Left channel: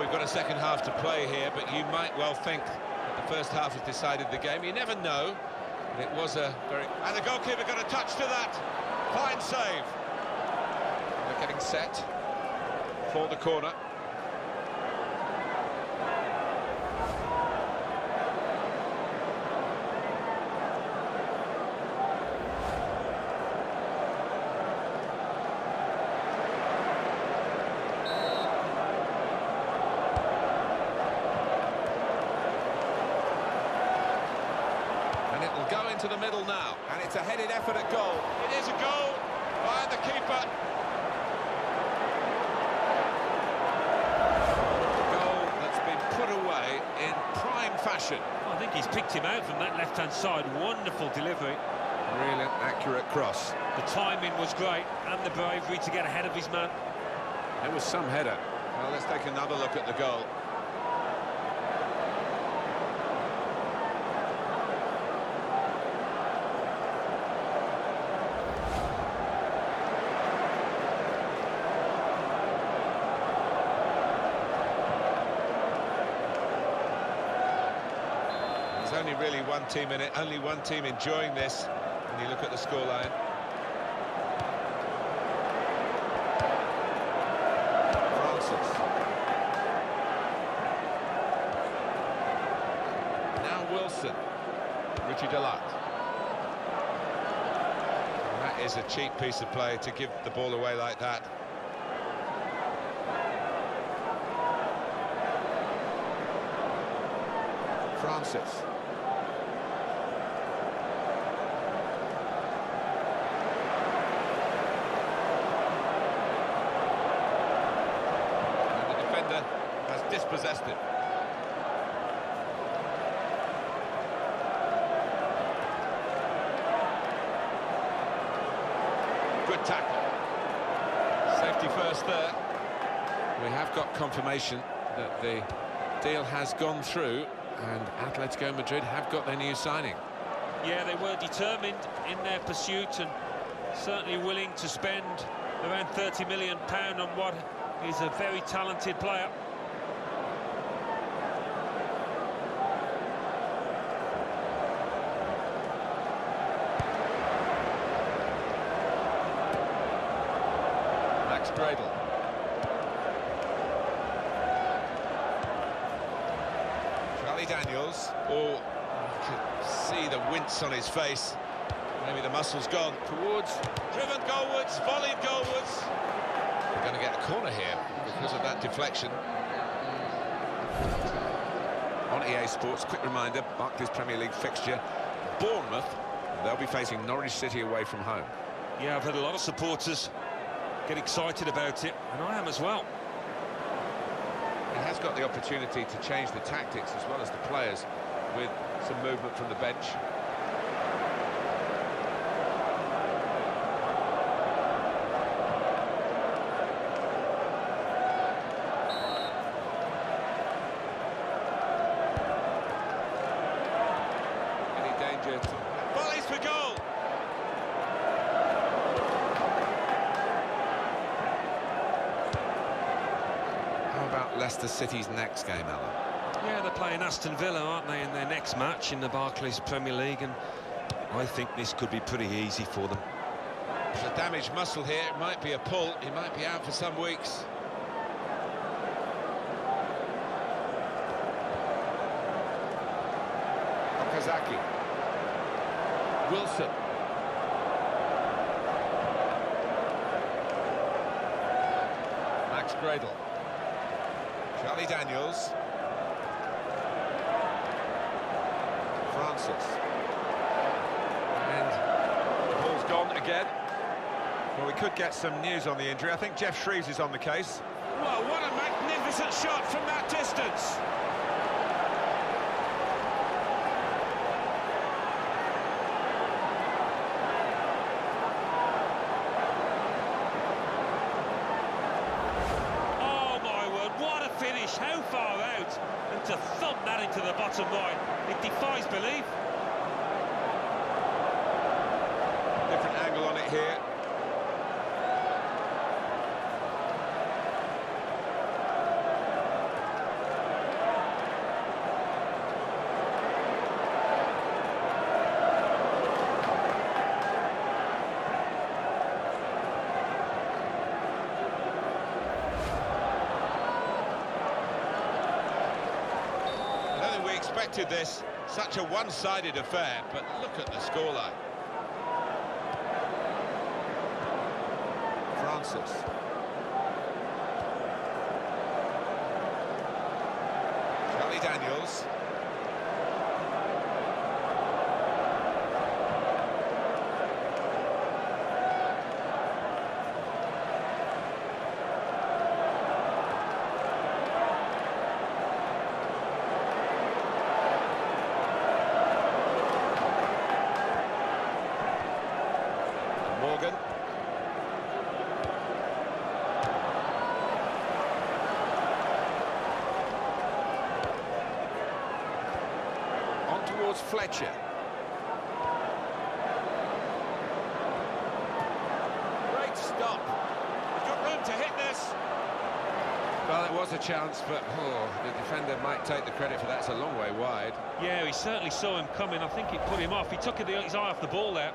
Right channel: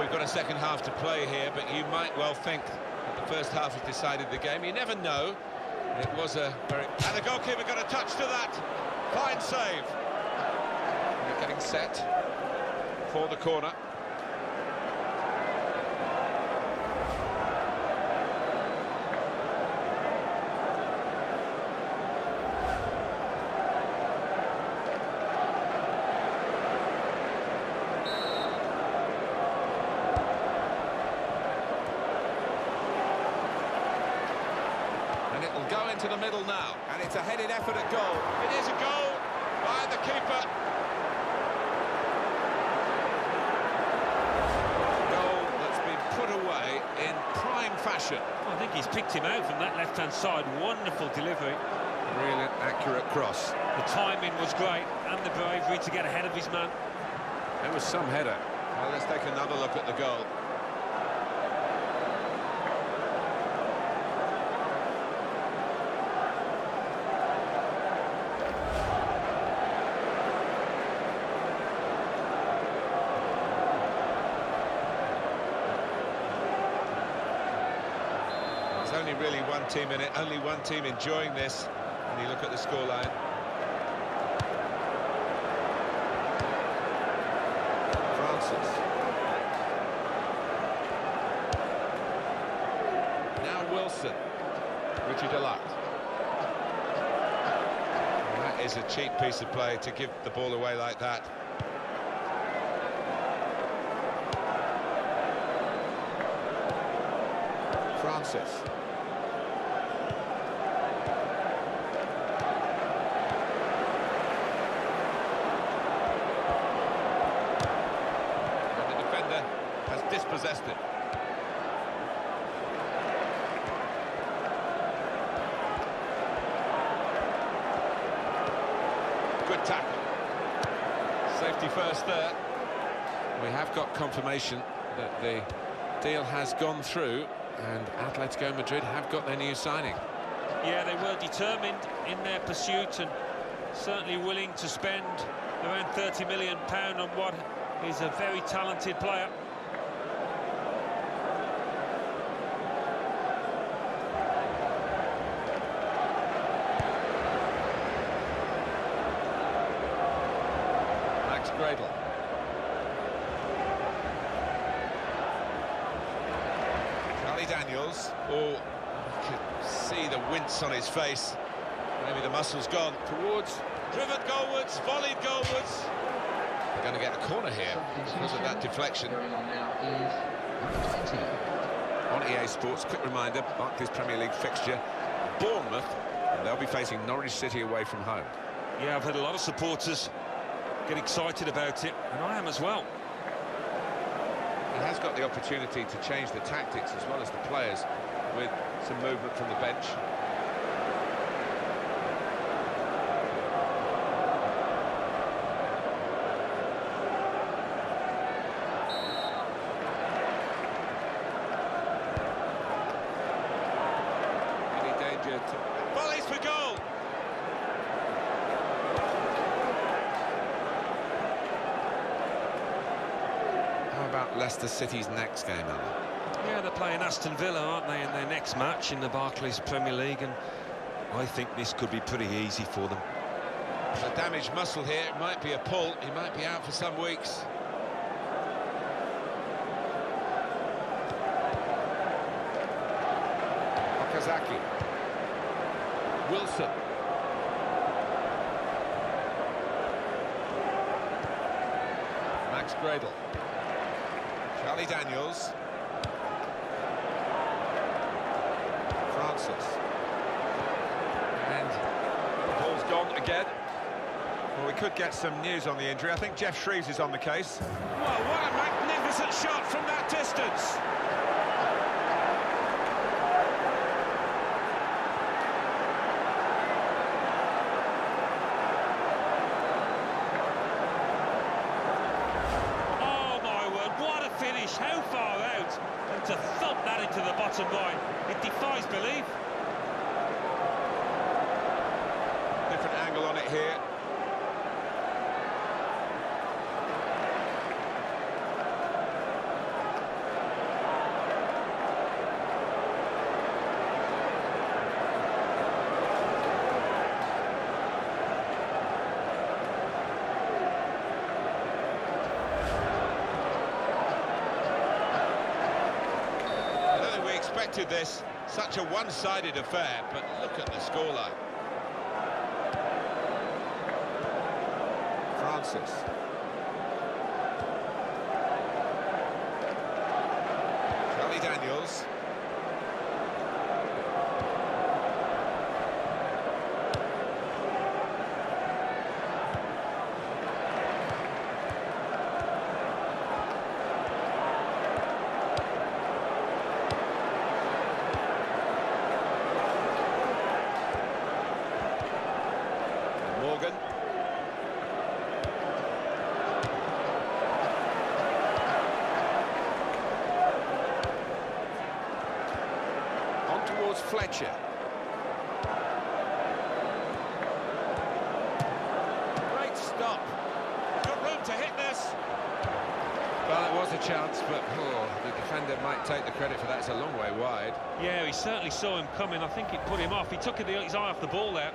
we've got a second half to play here, but you might well think that the first half has decided the game. You never know. It was a very... And the goalkeeper got a touch to that. Fine save. And they're getting set for the corner. And it will go into the middle now. And it's a headed effort at goal. It is a goal by the keeper. Goal that's been put away in prime fashion. Well, I think he's picked him out from that left-hand side. Wonderful delivery. Brilliant, accurate cross. The timing was great, and the bravery to get ahead of his man. It was some header. Well, let's take another look at the goal. There's only really one team in it, only one team enjoying this when you look at the scoreline. Francis. Now Wilson. Richie Delatte. That is a cheap piece of play to give the ball away like that. Francis. Has dispossessed it. Good tackle. Safety first there. We have got confirmation that the deal has gone through and Atletico Madrid have got their new signing. Yeah, they were determined in their pursuit and certainly willing to spend around £30 million on what is a very talented player. Max Gradle. Charlie Daniels. Oh, you could see the wince on his face. Maybe the muscle's gone. Towards, driven goalwards, volleyed goalwards. We're going to get a corner here because of that deflection. On EA Sports, quick reminder, Barclays Premier League fixture, Bournemouth, and they'll be facing Norwich City away from home. Yeah, I've had a lot of supporters get excited about it, and I am as well. He has got the opportunity to change the tactics as well as the players with some movement from the bench. Volleys for goal. How about Leicester City's next game, Alan? Yeah, they're playing Aston Villa, aren't they, in their next match in the Barclays Premier League, and I think this could be pretty easy for them. There's a damaged muscle here. It might be a pull. He might be out for some weeks. Okazaki. Wilson. Max Gradle. Charlie Daniels. Francis. And the ball's gone again. Well, we could get some news on the injury. I think Jeff Shreves is on the case. Well, what a magnificent shot from that distance. What a finish, how far out, and to thump that into the bottom line, it defies belief. Different angle on it here. expected this. Such a one-sided affair, but look at the scoreline. Francis. Charlie Daniels. Morgan. On towards Fletcher. Great stop. He's got room to hit this. Well, it was a chance, but the defender might take the credit for that. It's a long way wide. Yeah, he certainly saw him coming. I think it put him off. He took his eye off the ball there.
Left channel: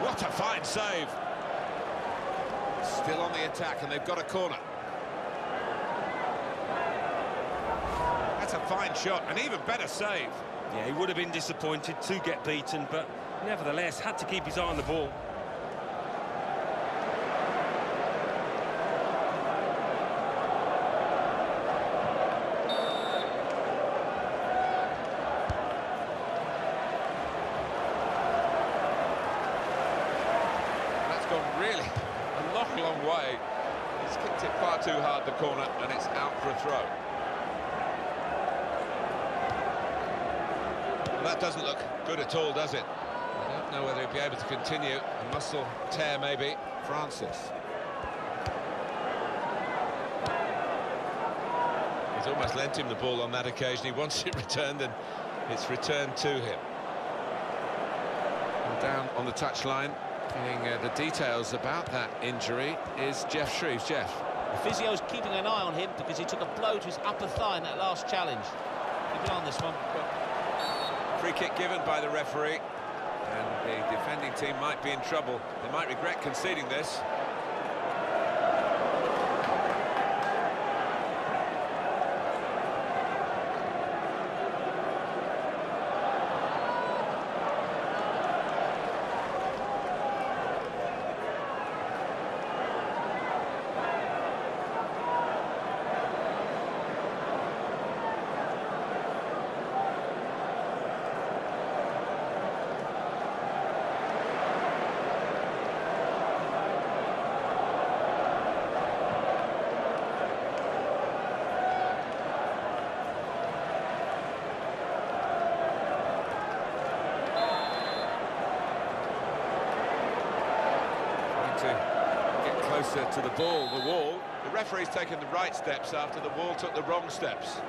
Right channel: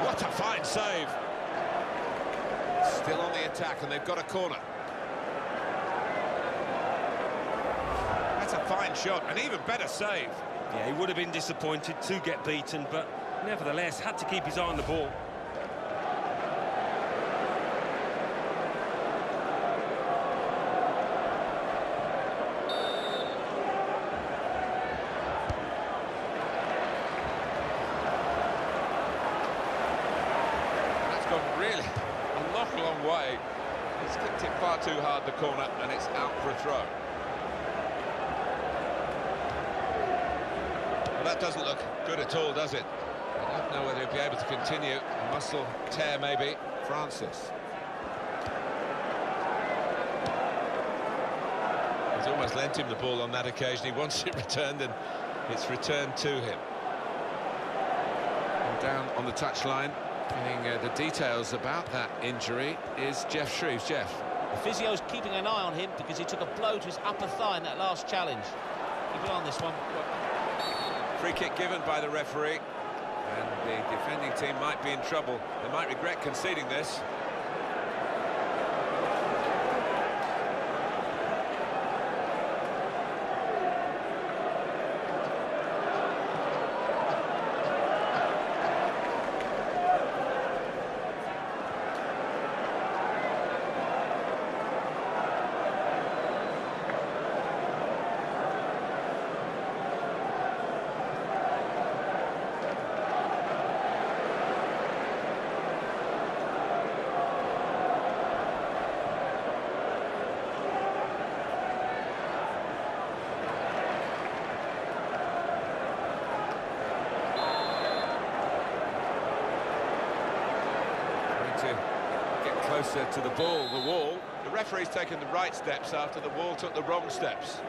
What a fine save. Still on the attack, and they've got a corner. That's a fine shot, an even better save. Yeah, he would have been disappointed to get beaten, but nevertheless had to keep his eye on the ball. Gone really a long way. He's kicked it far too hard, the corner, and it's out for a throw. Well, that doesn't look good at all, does it? I don't know whether he'll be able to continue. A muscle tear, maybe. Francis. He's almost lent him the ball on that occasion. He wants it returned, and it's returned to him. And down on the touchline, getting the details about that injury is Jeff Shreves. Jeff. The physio's keeping an eye on him because he took a blow to his upper thigh in that last challenge. Keep an eye on this one. Free kick given by the referee, and the defending team might be in trouble. They might regret conceding this. To get closer to the ball, the wall. The referee's taken the right steps after the wall took the wrong steps.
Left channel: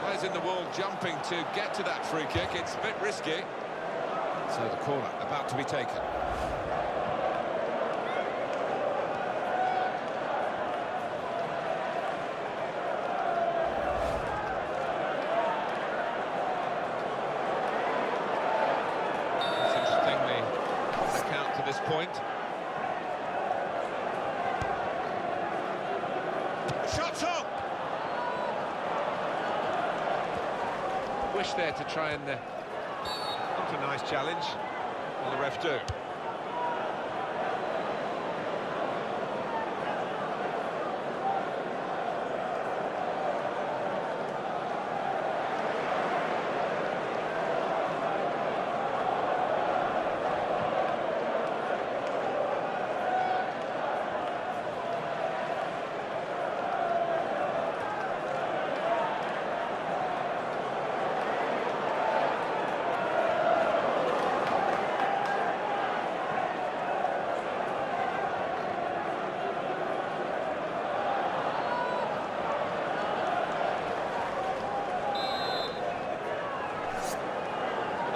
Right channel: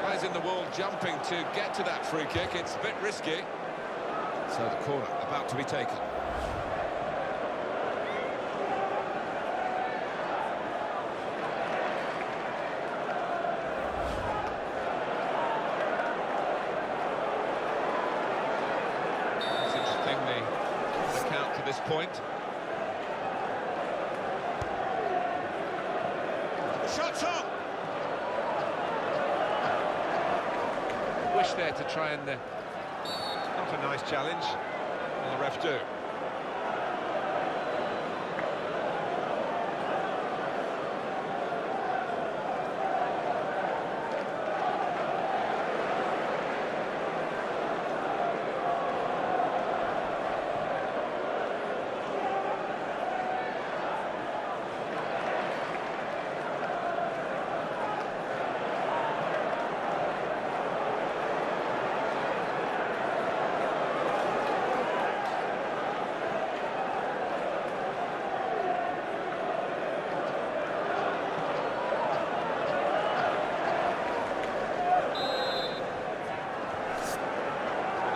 Players in the wall jumping to get to that free kick. It's a bit risky. So the corner about to be taken. It's interesting, the count to this point. The shot's on! Wish there to try and... Not a nice challenge. Will the ref do?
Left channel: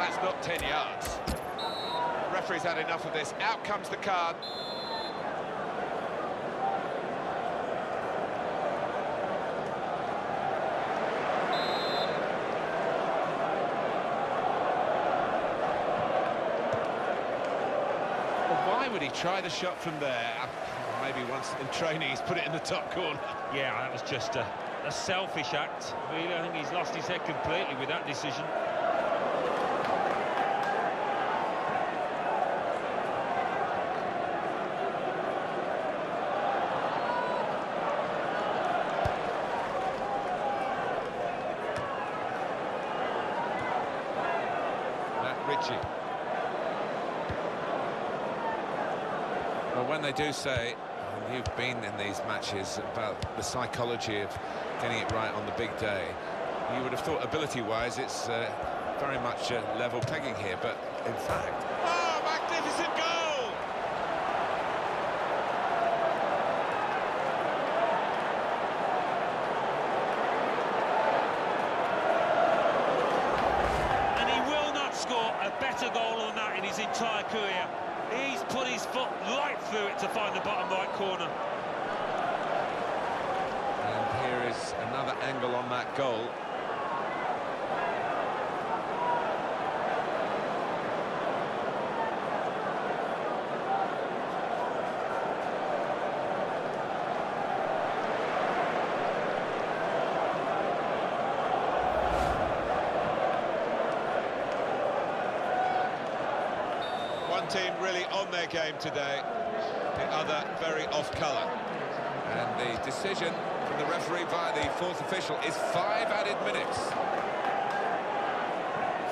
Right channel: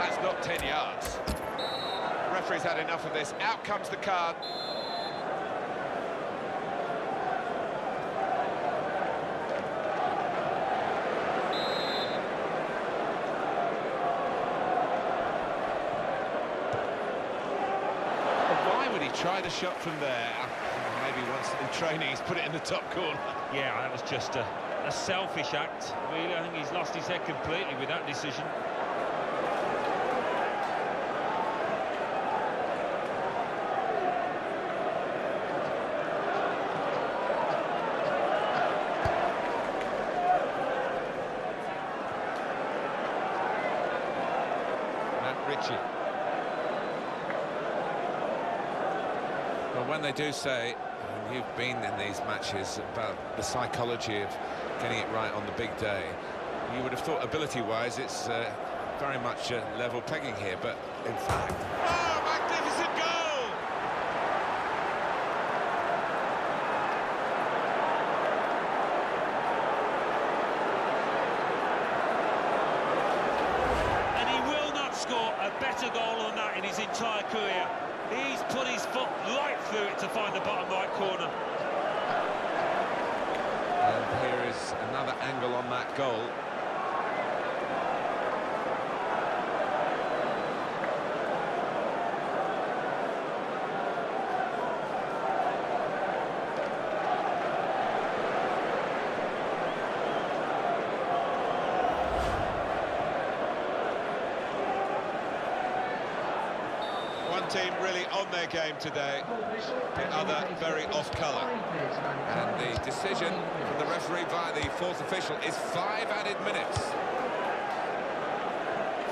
That's not 10 yards. The referee's had enough of this. Out comes the card. Why would he try the shot from there? Maybe once in training he's put it in the top corner. Yeah, that was just a selfish act, really. I think he's lost his head completely with that decision. Ritchie. Well, when they do say, and you've been in these matches, about the psychology of getting it right on the big day, you would have thought ability-wise it's very much level pegging here, but in fact... Oh, magnificent goal! And he will not score a better goal than that in his entire career. He's put his foot right through it to find the bottom right corner. And here is another angle on that goal. One team really on their game today, the other very off-colour. And the decision from the referee via the fourth official is 5 added minutes.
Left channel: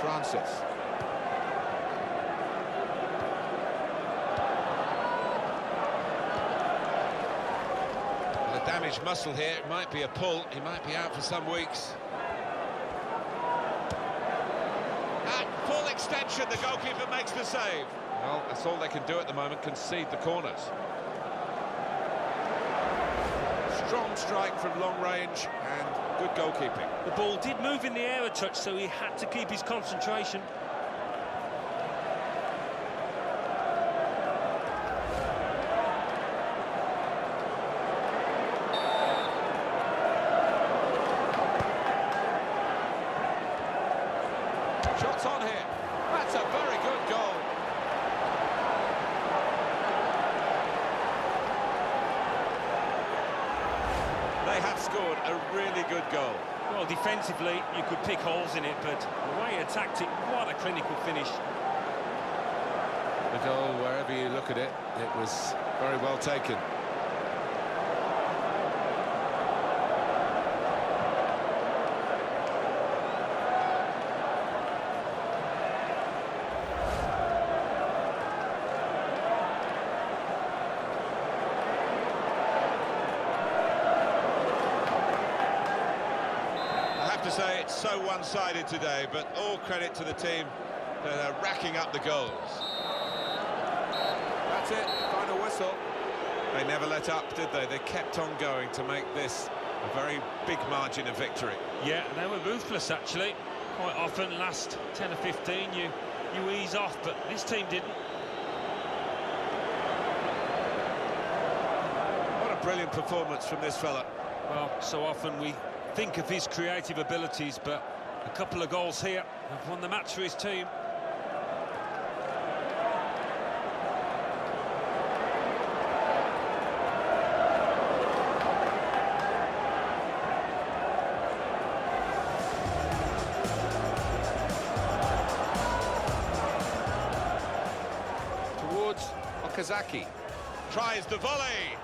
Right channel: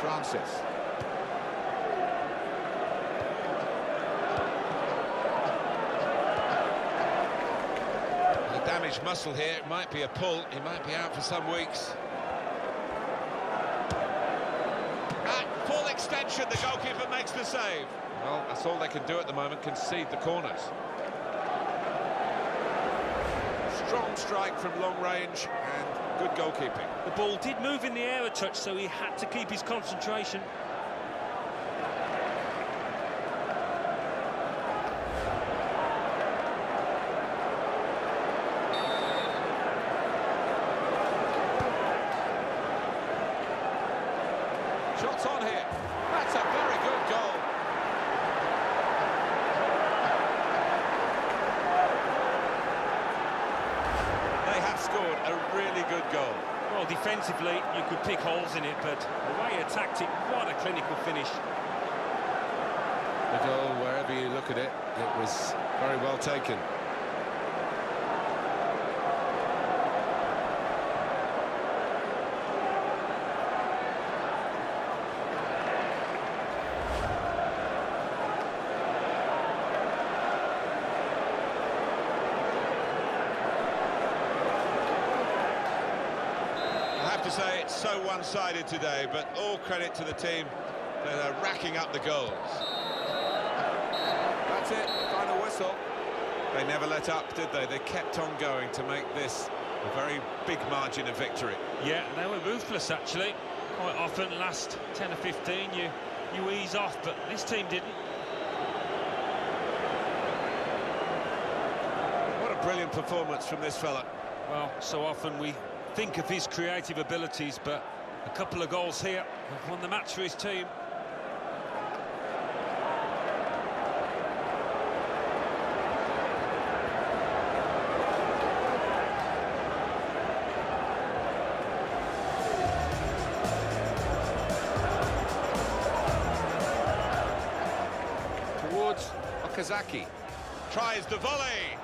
Francis. With a damaged muscle here, it might be a pull. He might be out for some weeks. At full extension, the goalkeeper makes the save. Well, that's all they can do at the moment, concede the corners. Strong strike from long range and good goalkeeping. The ball did move in the air a touch, so he had to keep his concentration. Shots on here. That's a very good goal. They have scored a really good goal. Well, defensively, you could pick holes in it, but the way he attacked it, what a clinical finish. The goal, wherever you look at it, it was very well taken. I have to say it's so one-sided today, but all credit to the team that are racking up the goals. That's it, final whistle. They never let up, did they? They kept on going to make this a very big margin of victory. Yeah, they were ruthless, actually. Quite often, last 10 or 15, you ease off, but this team didn't. What a brilliant performance from this fella. Well, so often we think of his creative abilities, but a couple of goals here have won the match for his team. Towards Okazaki. Tries the volley.